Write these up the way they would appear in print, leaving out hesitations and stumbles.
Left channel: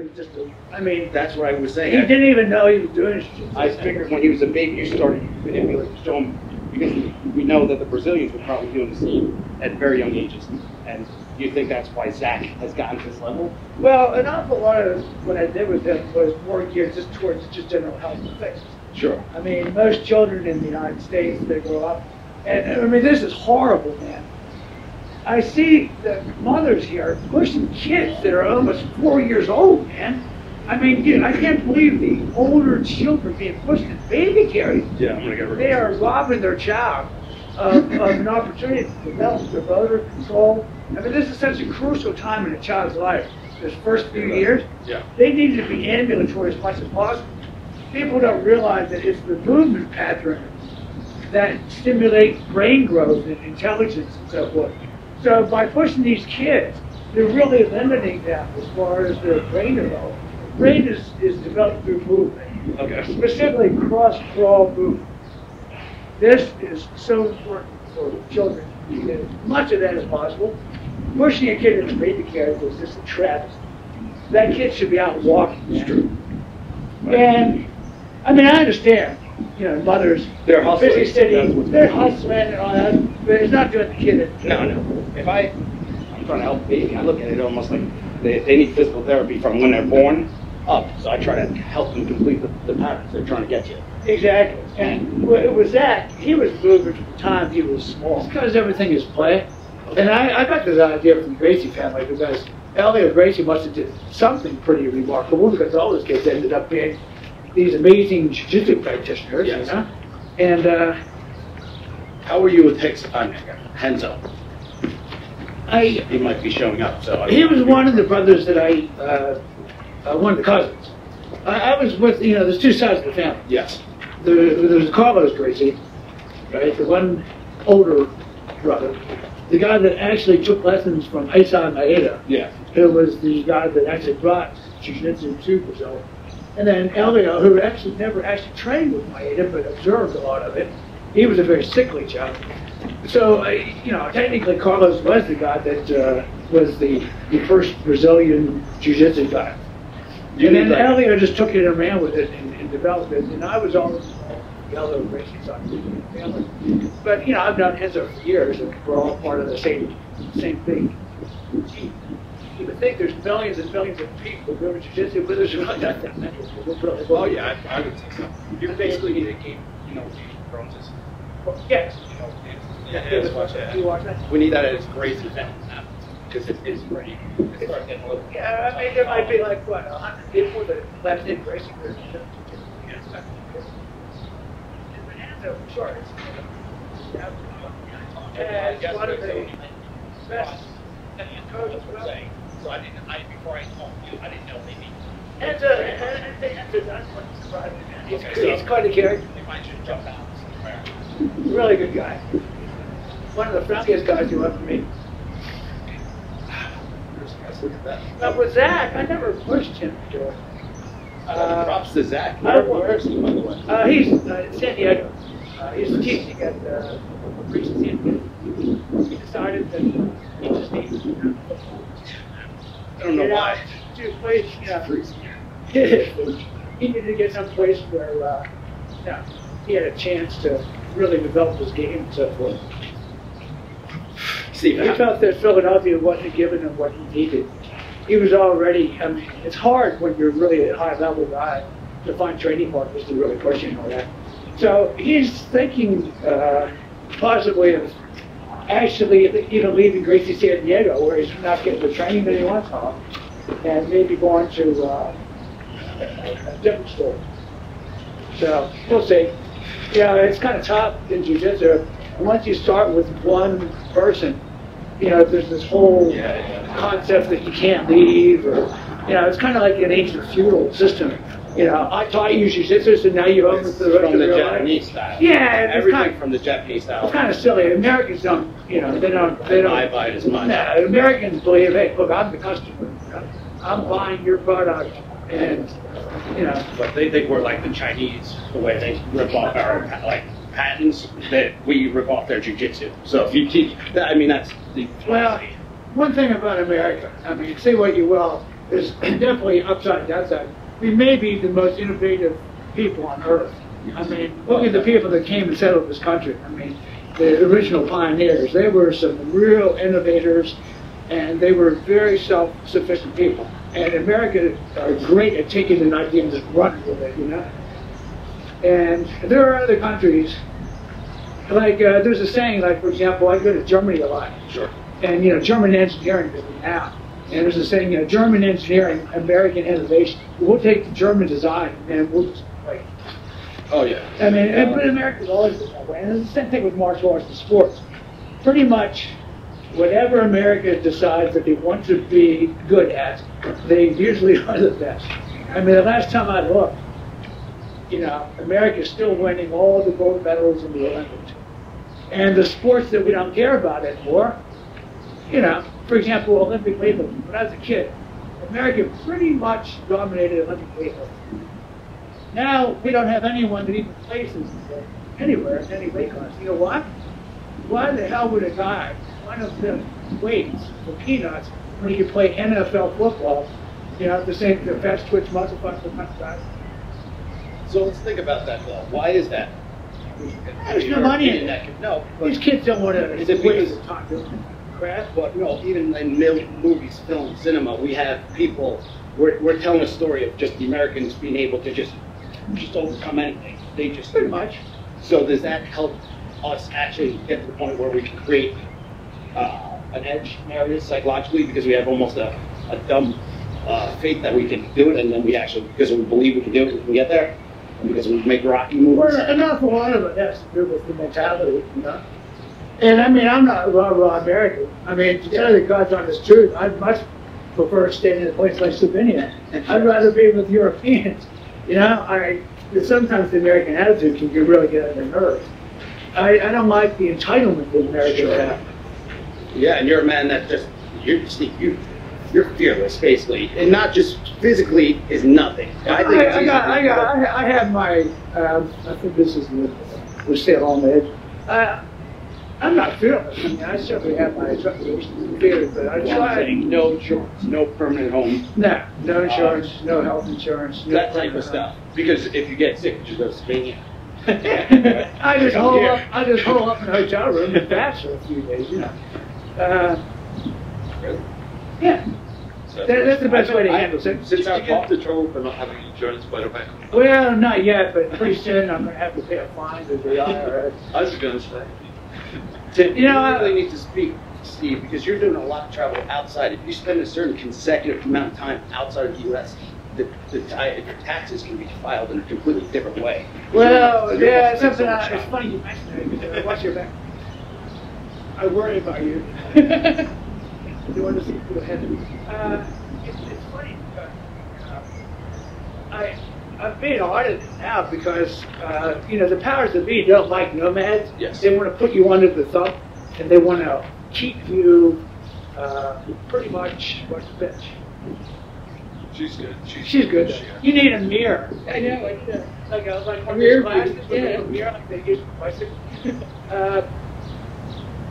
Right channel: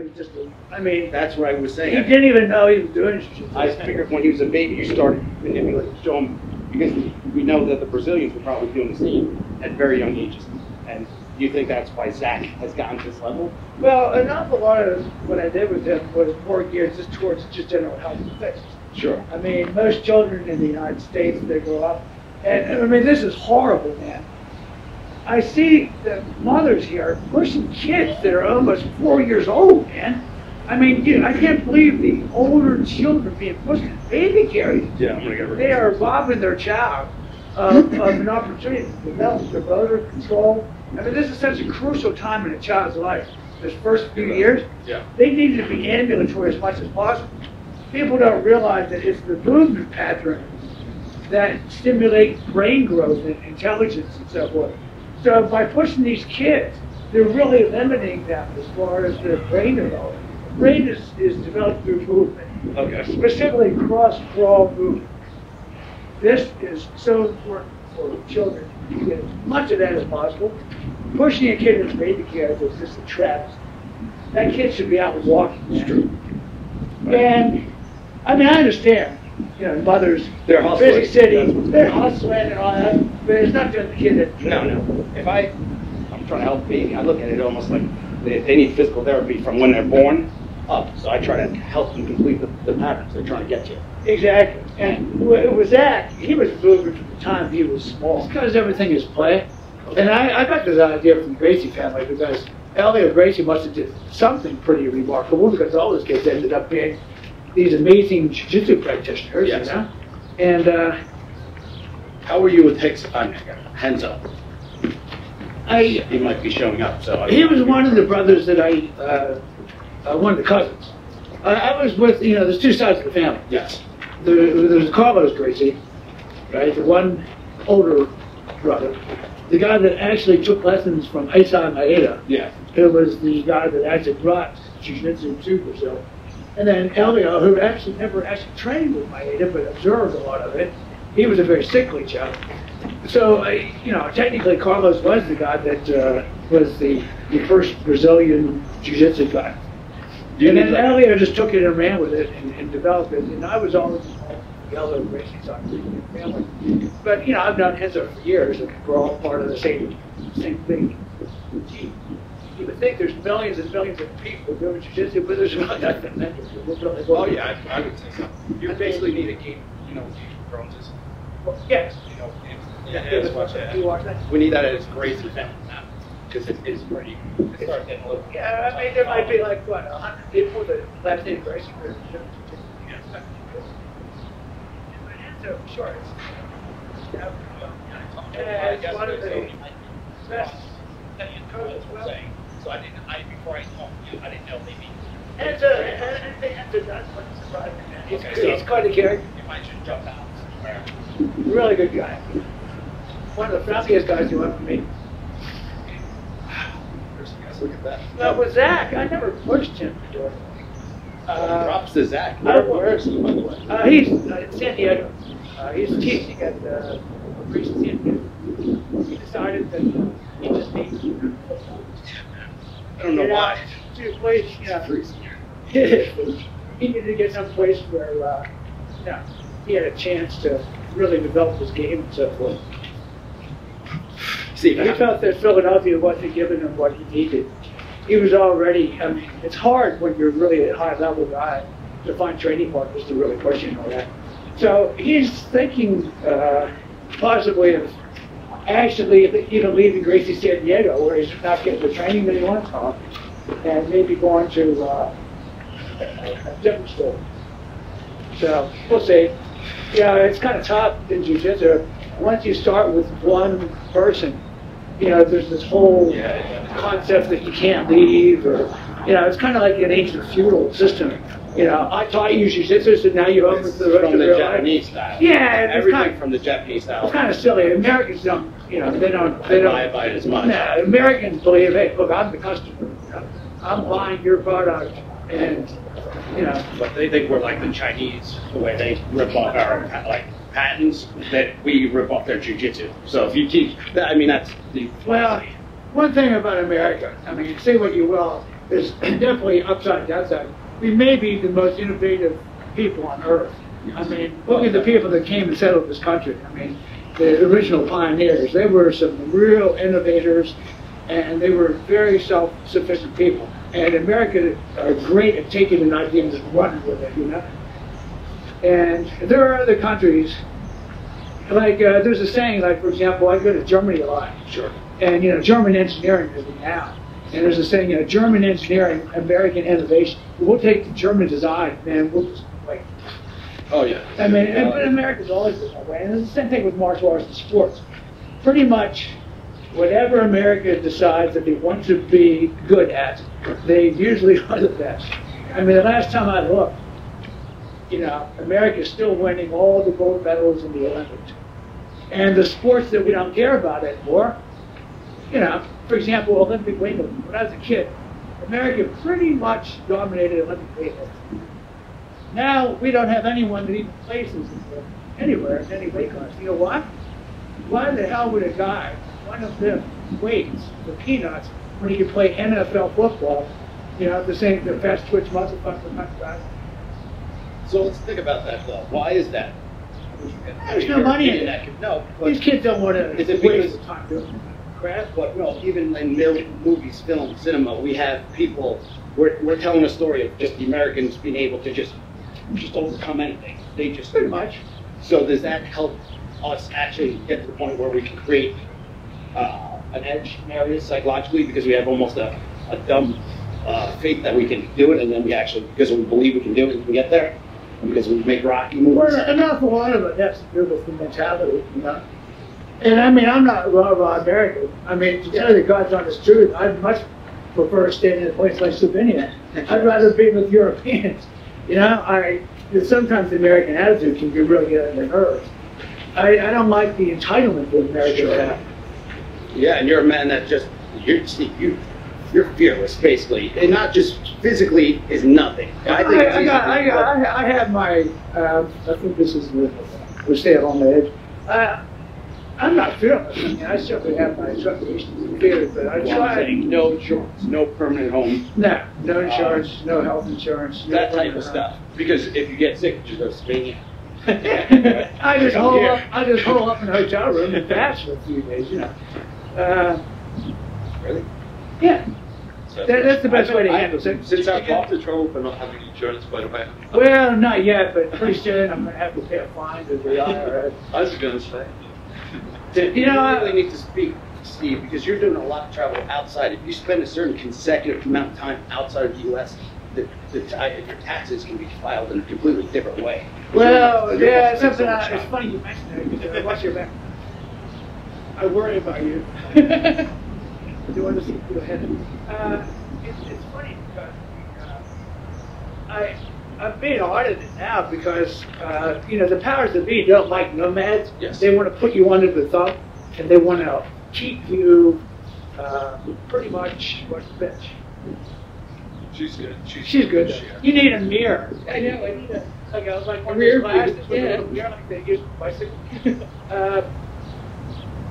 it was just, I mean, That's what I was saying. he didn't even know he was doing it. I figured when he was a baby, you started manipulating, show him, because we know that the Brazilians were probably doing the same at very young ages. And do you think that's why Zach has gotten to this level? Well, an awful lot of what I did with him was more geared just towards just general health and fitness. Sure. I mean, most children in the United States, they grow up, and I mean, this is horrible, man. I see the mothers here pushing kids that are almost 4 years old, man. I mean, dude, I can't believe the older children being pushed in baby carriers. Yeah. They are robbing their child of an opportunity to develop their motor control. I mean, this is such a crucial time in a child's life. This first few years, they need to be ambulatory as much as possible. People don't realize that it's the movement patterns that stimulate brain growth and intelligence and so forth. So by pushing these kids, they're really limiting them as far as their brain development. Brain is developed through movement, specifically cross-crawl movement. This is so important for children to get as much of that as possible. Pushing a kid into baby carriage is just a trap. That kid should be out walking, man. And I mean, I understand, you know, mothers, They're hustling. busy city, they're hustling and all that, but it's not doing the kid that. No. I'm trying to help the baby. I look at it almost like they need physical therapy from when they're born up. So I try to help them complete the patterns they're trying to get to. Exactly. And when it was that, he was moving from the time he was small. It's because everything is play. And I got this idea from the Gracie family because Elliot Gracie must have did something pretty remarkable because all those kids ended up being these amazing jiu-jitsu practitioners, you know? And How were you with Henzo? He might be showing up. So he was one of the brothers that one of the cousins. I was with, you know, there's two sides of the family. Yes. There was Carlos Gracie, right? The one older brother. The guy that actually took lessons from Aisan Maeda. Yeah. Who was the guy that actually brought jiu-jitsu to Brazil. And then Elio, who actually never actually trained with Maeda, but observed a lot of it. He was a very sickly child. So, you know, technically Carlos was the guy that was the first Brazilian jiu-jitsu guy. And then Elio just took it and ran with it and developed it. And I was always involved in the Elio racing side of the family. But, you know, I've known Henzo for years, and we're all part of the same thing. You would think there's millions and millions of people doing jiu-jitsu, but there's not that many. Well, yeah, I would say so. You basically need to keep, you know, drones. Well, yes. You know, You watch that? We need that as Gracie family now. Because it's pretty. it's starting getting a little. Yeah, I mean, there might be like, what, 100 people that left in racing groups. So, sure. It's one of the best coaches as well. So before I talked to you, I didn't know maybe. He's quite a character. If I should jump out. Really good guy. One of the friendliest guys you ever meet. Look at that. Now with Zach, I never pushed him, George. Props to Zach. Where is he, by the way? He's in San Diego. He's teaching at San Diego. He decided that he just needs to I don't know why. to a place, you know, he needed to get some place where you know, he had a chance to really develop his game and so forth. See, He felt that Philadelphia wasn't giving him what he needed. He was already, I mean, it's hard when you're really a high level guy to find training partners to really push you and all that. So he's thinking possibly of actually even leaving Gracie San Diego where he's not getting the training that he wants from, and maybe going to a fitness school. So we'll see. Yeah, it's kind of tough in jiu-jitsu. Once you start with one person, you know, there's this whole concept that you can't leave, or, you know, it's kind of like an ancient feudal system. You know, I taught you jiu-jitsu, so now you're over for the rest of your life. Japanese style. Yeah, it's Everything kind of, from the Japanese style. it's kind of silly. Americans don't, you know, they don't buy it as much. Nah, Americans believe, hey, look, I'm the customer. I'm buying your product, and, you know. But they think we're like the Chinese, the way they rip off our patents, that we rip off their jiu-jitsu. So if you teach, I mean, that's the Well, one thing about America, I mean, say what you will, is definitely upside downside. We may be the most innovative people on earth. I mean, look at the people that came and settled this country. I mean, the original pioneers, they were some real innovators, and they were very self-sufficient people. And Americans are great at taking an idea and running with it, you know? And there are other countries, like there's a saying, like, for example, I go to Germany a lot. Sure. And, you know, German engineering is now. And there's a saying, you know, German engineering, American innovation. We'll take the German design, and we'll just wait. Oh, yeah. I mean, but America's always been that way. And it's the same thing with martial arts and sports. Pretty much, whatever America decides that they want to be good at, they usually are the best. I mean, the last time I looked, you know, America's still winning all the gold medals in the Olympics. And the sports that we don't care about anymore, you know, for example, Olympic weightlifting. When I was a kid, America pretty much dominated Olympic weightlifting. Now we don't have anyone that even places anywhere in any weight class. You know why? Why the hell would a guy want to lift weights for peanuts when he can play NFL football? You know, the same best 20 months of fun. So let's think about that. Why is that? There's no money in that. No, these kids don't want to. Is it because of time? But no, even in movies, film, cinema, we have people. We're telling a story of just the Americans being able to just overcome anything. They just Pretty much. So does that help us actually get to the point where we can create an edge in areas psychologically because we have almost a dumb faith that we can do it, and then we actually, because we believe we can do it, we can get there, and because we make rocky moves. Well, an awful lot of it has to do with the mentality, you know. And I mean, I'm not raw American. I mean, to tell you the God's honest truth, I'd much prefer to stay in a place like Slovenia. I'd rather be with Europeans. You know, sometimes the American attitude can really get on your nerves. I don't like the entitlement the American has. Yeah, and you're a man that just you're fearless, basically, and not just physically is nothing. I have my. I think this is the stay at home edge. I'm not fearless. I mean, I certainly have my fears, but I try. No insurance, no permanent home. No insurance, no health insurance. That type of stuff. Because if you get sick, you just go to Spain. I just hole up in a hotel room and fast for a few days, you know. Really? Yeah. That's the best way to handle it. Since I've lost control for not having insurance, by the way. Well, not yet, but pretty soon I'm going to have to pay a fine to the IRS. I was going to say. You know, I really need to speak, Steve, because you're doing a lot of travel outside. If you spend a certain consecutive amount of time outside of the U.S., the taxes can be filed in a completely different way. Well, yeah, it's something. It's funny you mentioned that because once you're back, I worry about you. You want to see? Go ahead. It's funny. I'm being audited now because you know, the powers that be don't like nomads. Yes. They want to put you under the thumb, and they want to keep you pretty much like a bitch. She's good. She's good. You need a mirror. Yeah, like one of these glasses. Yeah, like they use bicycle.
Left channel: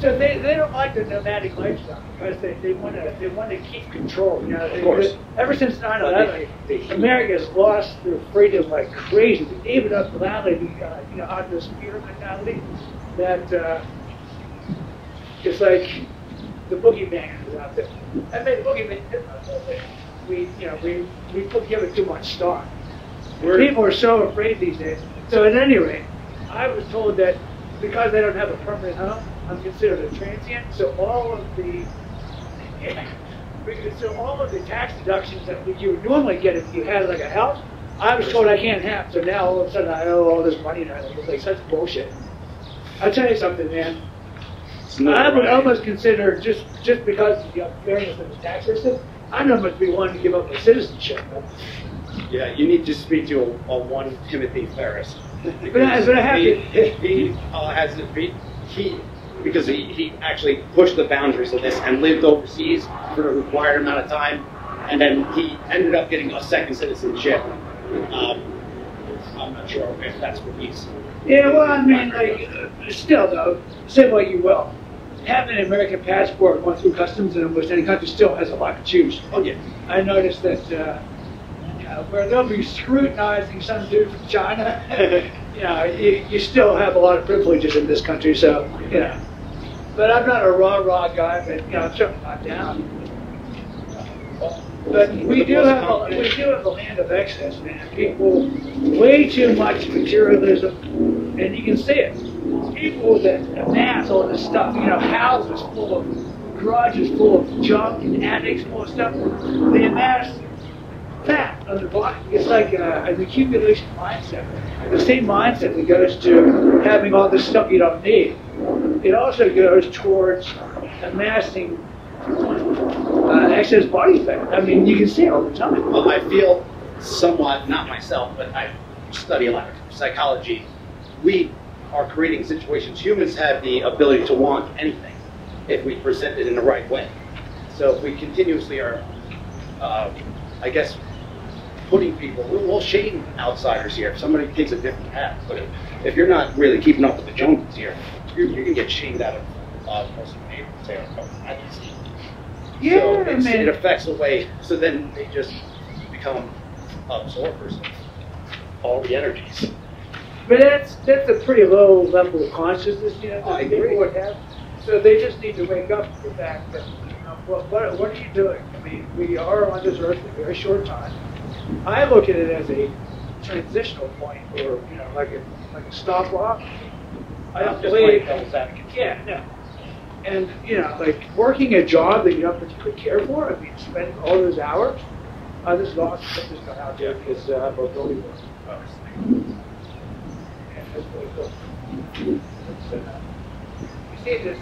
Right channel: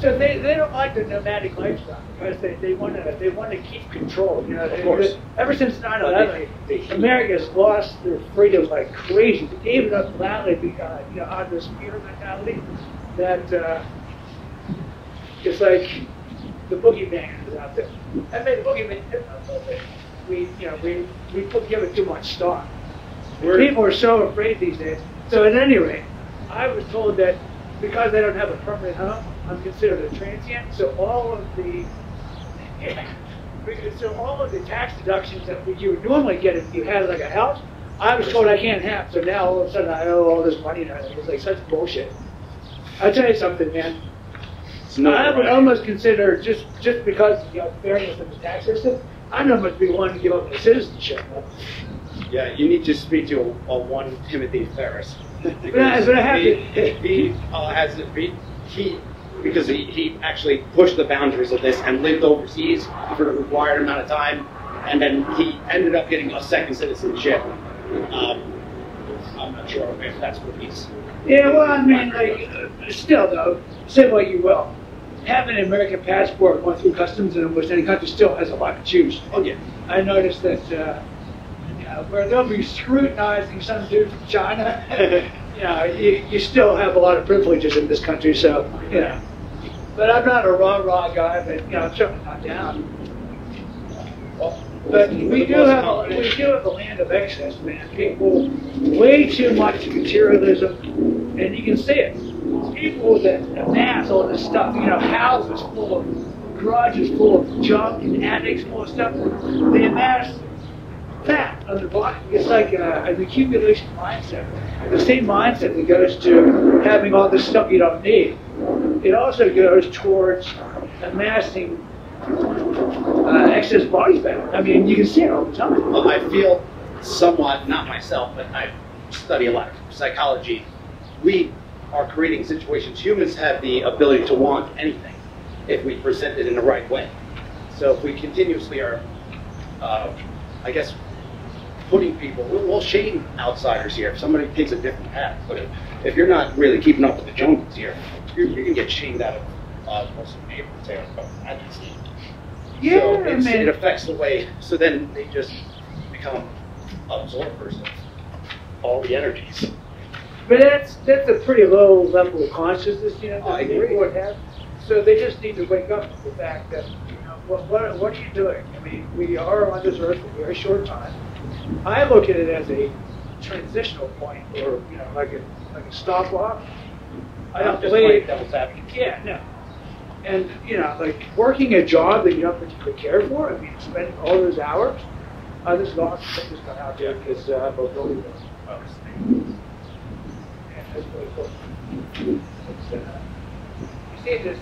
So they don't like the nomadic lifestyle because they want to keep control. You know, of course. Ever since 9/11, America's lost their freedom like crazy. Even up now, they on this fear mentality that it's like the boogeyman is out there. I mean, the boogeyman is out there. We give it too much stock. People are so afraid these days. So at any rate, I was told that because they don't have a permanent home, I'm considered a transient. So all of the tax deductions that you would normally get if you had like a house, I was told I can't have. So now all of a sudden I owe all this money and everything. It's like such bullshit. I'll tell you something, man. I would almost consider just because you have various tax systems, I'd almost be wanting to give up my citizenship. Man. Yeah, you need to speak to a one Timothy Ferris. Yeah, so I have because he actually pushed the boundaries of this and lived overseas for a required amount of time, and then he ended up getting a second citizenship. I'm not sure if that's the reason. Yeah, well, I mean, like, still though, say what you will. having an American passport going through customs in almost any country still has a lot to choose. Okay. I noticed that where they'll be scrutinizing some dude from China, you still have a lot of privileges in this country, so, But I'm not a rah-rah guy, but, something like that. But we do have a land of excess, man. People, way too much materialism, and you can see it. People that amass all this stuff, houses full of garages full of junk and attics full of stuff, they amass fat on their body. It's like an accumulation mindset. The same mindset that goes to having all this stuff you don't need. It also goes towards amassing excess body fat. I mean, you can see it all the time. Well, I feel somewhat, not myself, but I study a lot of psychology. We are creating situations. Humans have the ability to want anything if we present it in the right way. So if we continuously are, I guess, putting people, we'll shame outsiders here. If somebody takes a different path, but if you're not really keeping up with the jungles here, you can get shamed out of most of the neighborhood territory. Yeah, it affects the way, so then they just become absorbers of all the energies. But that's a pretty low level of consciousness, I agree. So they just need to wake up to the fact that, what are you doing? I mean, we are on this earth for a very short time. I look at it as a transitional point, or like a stopwatch. I don't believe devil's advocate. Yeah, no. And like working a job that you don't particularly care for. I mean, spending all those hours. This is awesome. Check this guy out here because mobility work. Yeah, that's really cool. You see this